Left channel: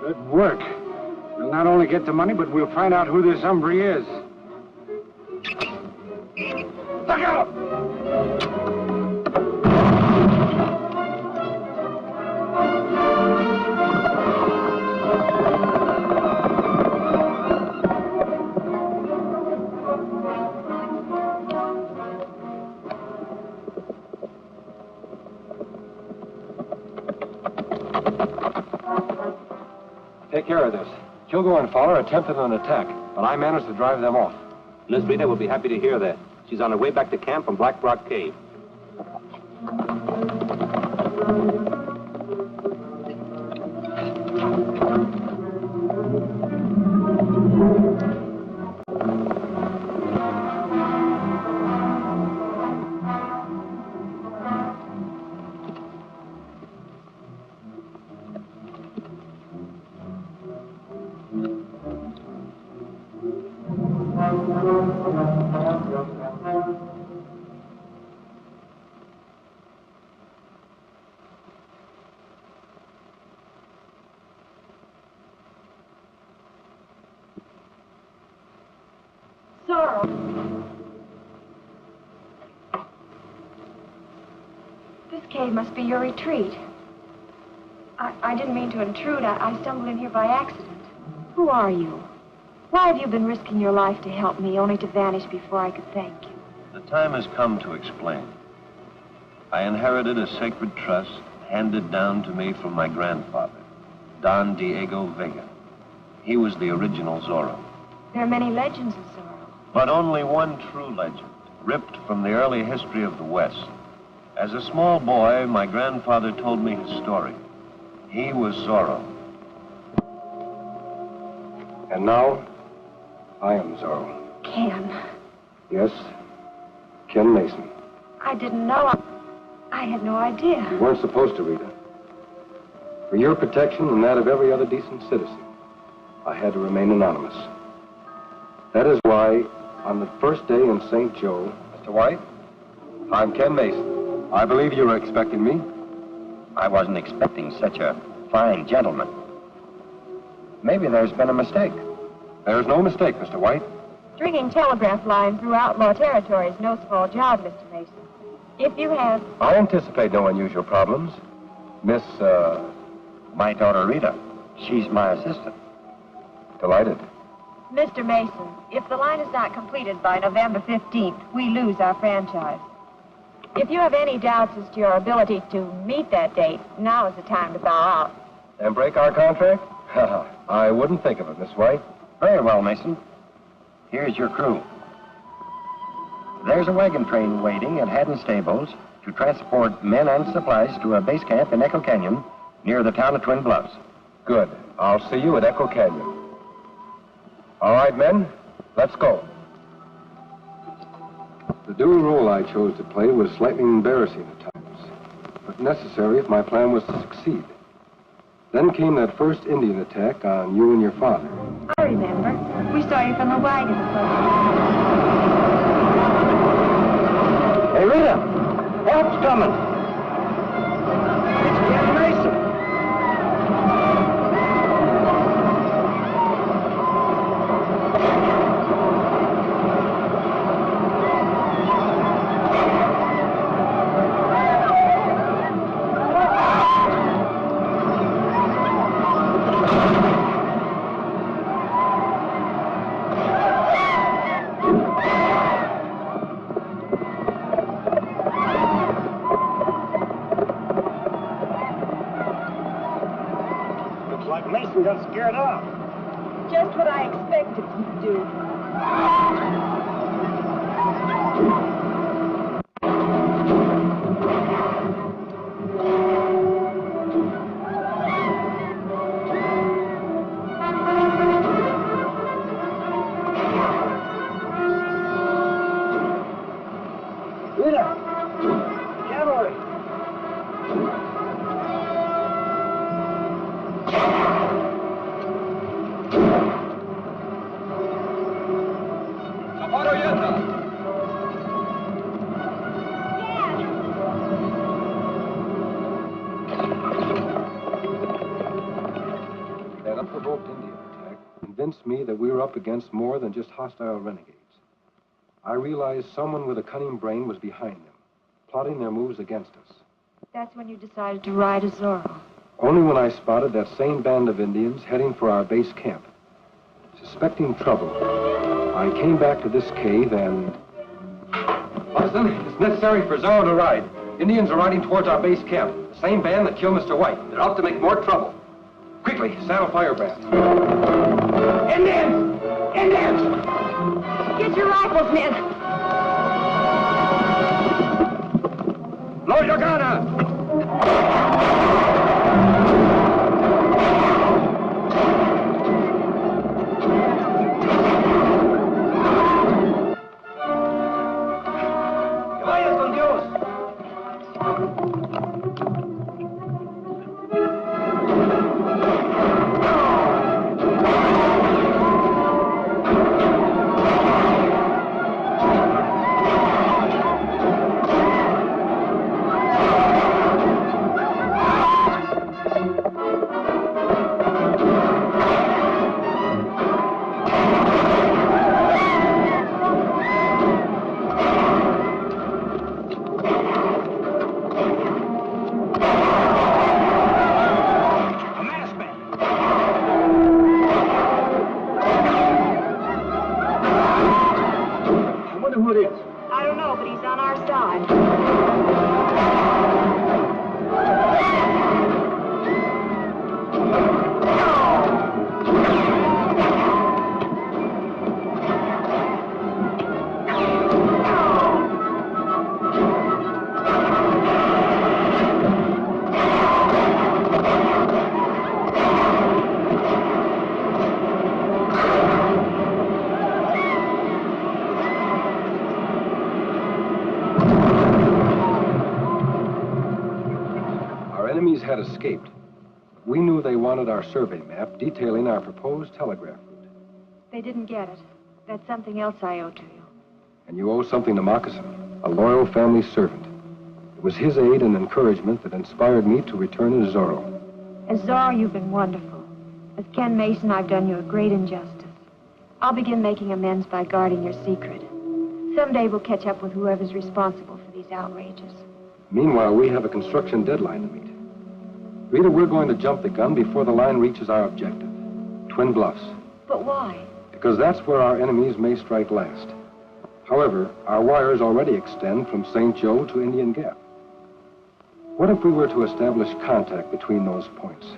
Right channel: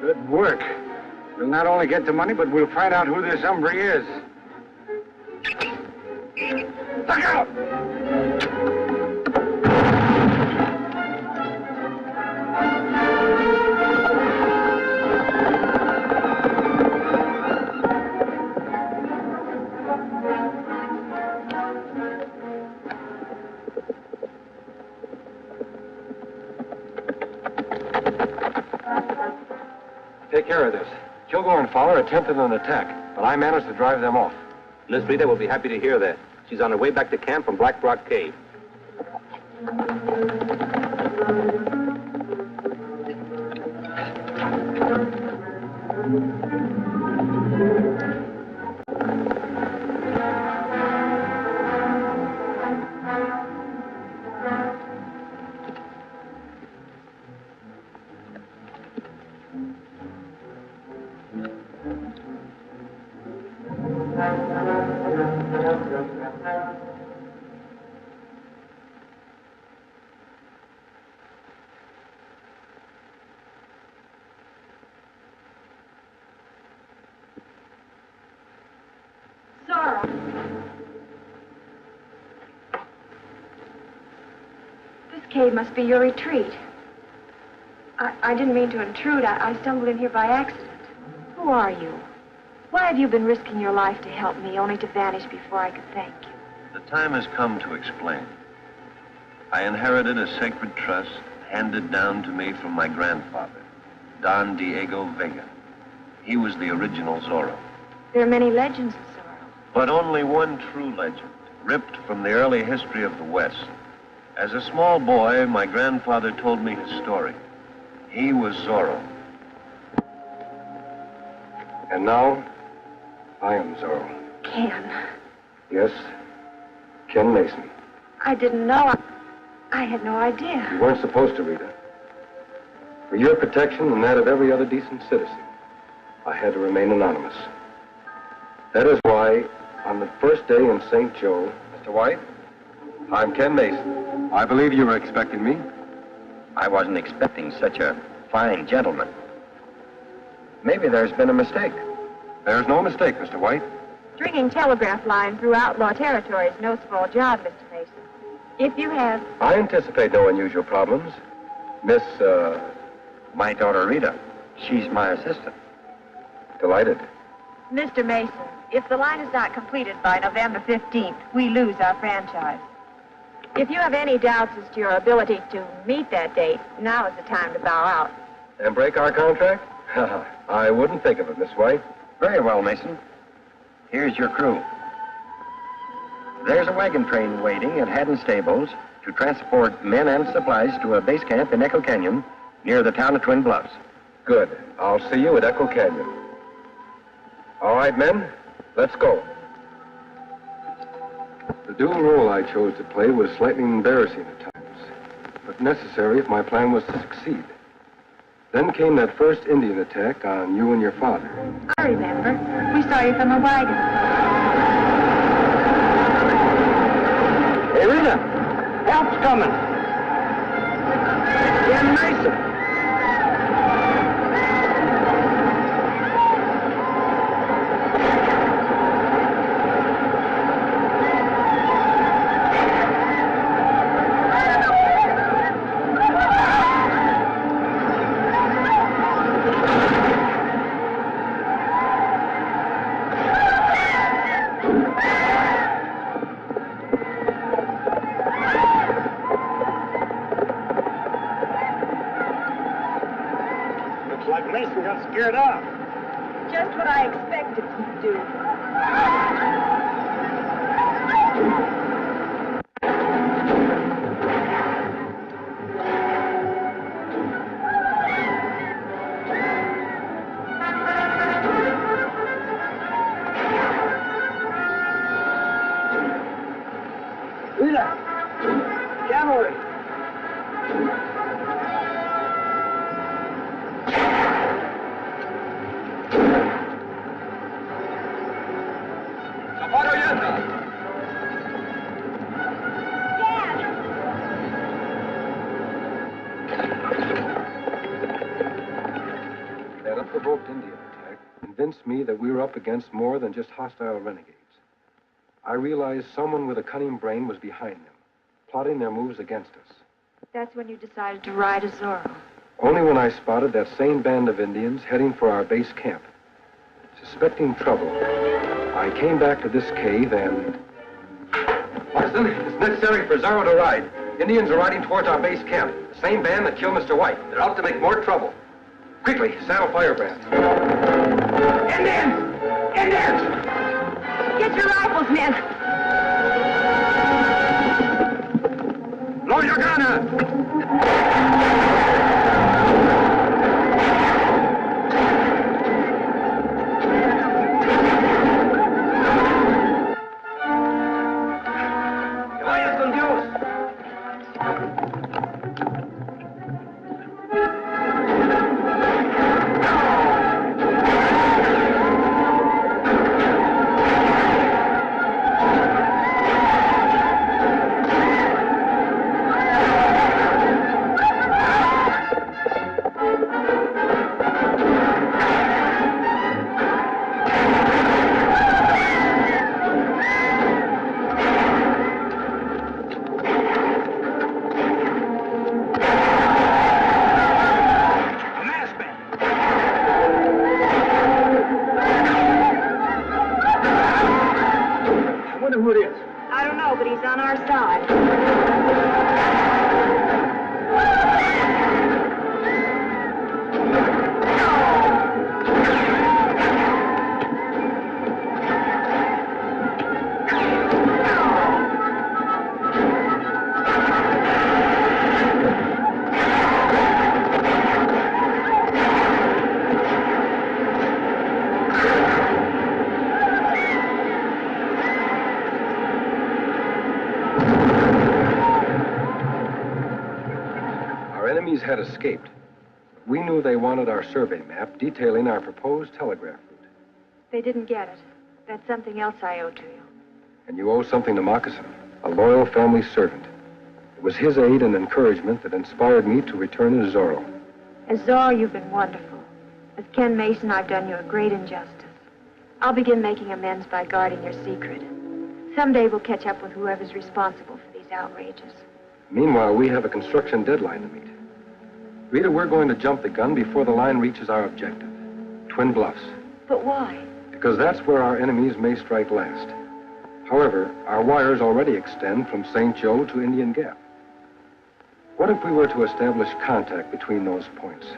Good work. We'll not only get the money, but we'll find out who this hombre is. Look out! Take care of this. Kilgore and Fowler attempted an attack, but I managed to drive them off. Miss Rita will be happy to hear that. She's on her way back to camp from Black Rock Cave. Zorro. This cave must be your retreat. I didn't mean to intrude. I stumbled in here by accident. Who are you? Why have you been risking your life to help me, only to vanish before I could thank you? The time has come to explain. I inherited a sacred trust handed down to me from my grandfather, Don Diego Vega. He was the original Zorro. There are many legends of Zorro. But only one true legend, ripped from the early history of the West. As a small boy, my grandfather told me his story. He was Zorro. And now, I am Zorro. Ken. Yes, Ken Mason. I didn't know. I had no idea. You weren't supposed to, Rita. For your protection and that of every other decent citizen, I had to remain anonymous. That is why, on the first day in St. Joe... Mr. White, I'm Ken Mason. I believe you were expecting me. I wasn't expecting such a fine gentleman. Maybe there's been a mistake. There's no mistake, Mr. White. Stringing telegraph lines through outlaw territory is no small job, Mr. Mason. If you have... I anticipate no unusual problems. Miss, My daughter, Rita. She's my assistant. Delighted. Mr. Mason, if the line is not completed by November 15th, we lose our franchise. If you have any doubts as to your ability to meet that date, now is the time to bow out. And break our contract? I wouldn't think of it, Miss White. Very well, Mason. Here's your crew. There's a wagon train waiting at Haddon Stables to transport men and supplies to a base camp in Echo Canyon near the town of Twin Bluffs. Good. I'll see you at Echo Canyon. All right, men, let's go. The dual role I chose to play was slightly embarrassing at times, but necessary if my plan was to succeed. Then came that first Indian attack on you and your father. I remember. We saw you from the wagon. Hey, Rita, help's coming. It's Ken Mason. Mason got scared off. Just what I expected him to do. Rita! Cavalry! That unprovoked Indian attack convinced me that we were up against more than just hostile renegades. I realized someone with a cunning brain was behind them, plotting their moves against us. That's when you decided to ride as Zorro. Only when I spotted that same band of Indians heading for our base camp. Suspecting trouble, I came back to this cave and... Moccasin, it's necessary for Zorro to ride. Indians are riding towards our base camp. The same band that killed Mr. White. They're out to make more trouble. Quickly, saddle Firebrand. Indians! Indians! Get your rifles, men. Load your gun! I don't know, but he's on our side. Enemies had escaped. We knew they wanted our survey map detailing our proposed telegraph route. They didn't get it. That's something else I owe to you. And you owe something to Moccasin, a loyal family servant. It was his aid and encouragement that inspired me to return as Zorro. As Zorro, you've been wonderful. As Ken Mason, I've done you a great injustice. I'll begin making amends by guarding your secret. Someday we'll catch up with whoever's responsible for these outrages. Meanwhile, we have a construction deadline to meet. Rita, we're going to jump the gun before the line reaches our objective, Twin Bluffs. But why? Because that's where our enemies may strike last. However, our wires already extend from St. Joe to Indian Gap. What if we were to establish contact between those points?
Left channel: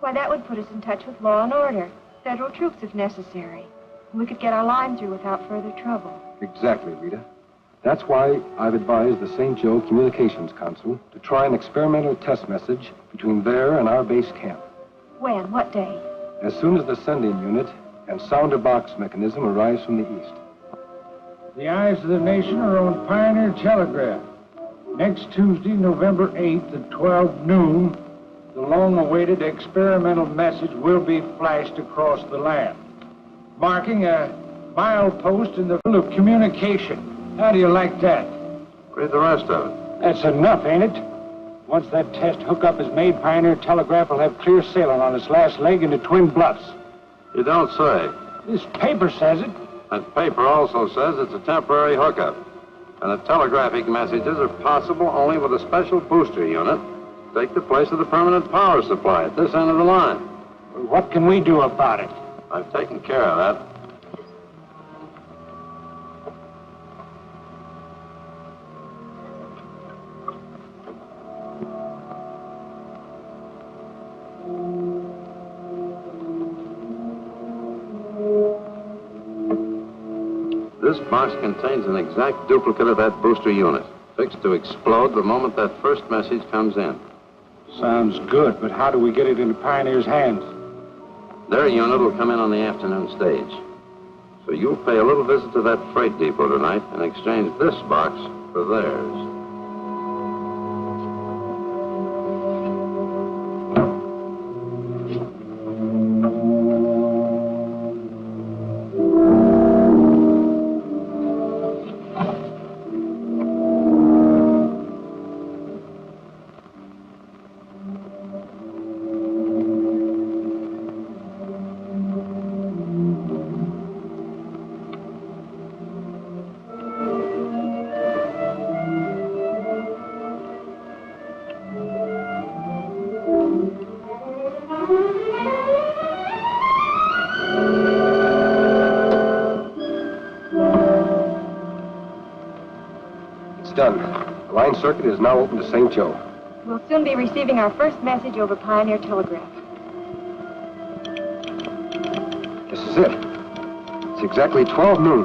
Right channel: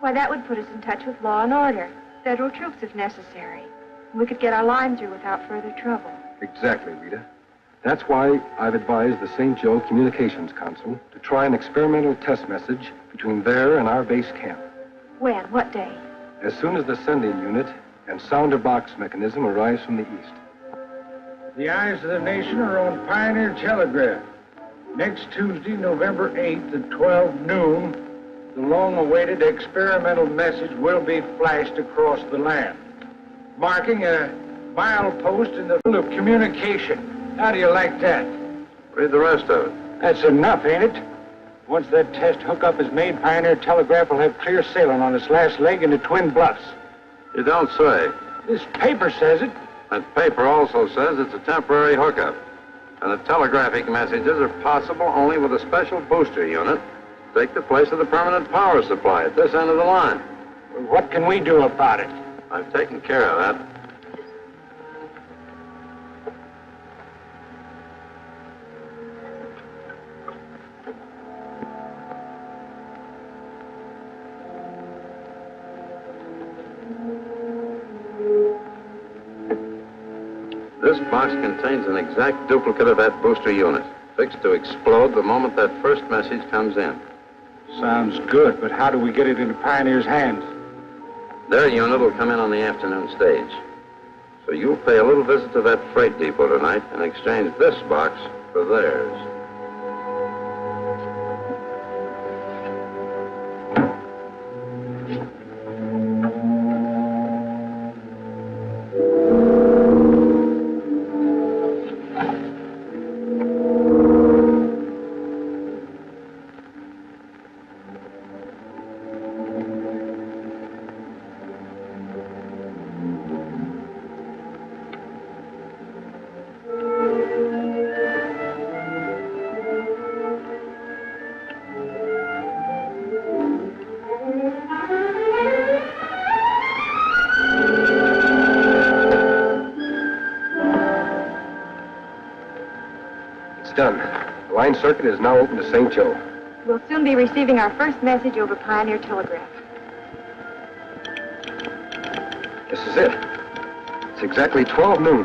Why, that would put us in touch with law and order. Federal troops if necessary. We could get our line through without further trouble. Exactly, Rita. That's why I've advised the St. Joe Communications Council to try an experimental test message between there and our base camp. When? What day? As soon as the sending unit and sounder box mechanism arrives from the east. The eyes of the nation are on Pioneer Telegraph. Next Tuesday, November 8th at 12 noon, the long-awaited experimental message will be flashed across the land, marking a milepost in the field of communication. How do you like that? Read the rest of it. That's enough, ain't it? Once that test hookup is made, Pioneer Telegraph will have clear sailing on its last leg into Twin Bluffs. You don't say. This paper says it. That paper also says it's a temporary hookup. And the telegraphic messages are possible only with a special booster unit to take the place of the permanent power supply at this end of the line. What can we do about it? I've taken care of that. This box contains an exact duplicate of that booster unit, fixed to explode the moment that first message comes in. Sounds good, but how do we get it into Pioneer's hands? Their unit will come in on the afternoon stage. So you'll pay a little visit to that freight depot tonight and exchange this box for theirs. Done. The line circuit is now open to St. Joe. We'll soon be receiving our first message over Pioneer Telegraph. This is it. It's exactly 12 noon.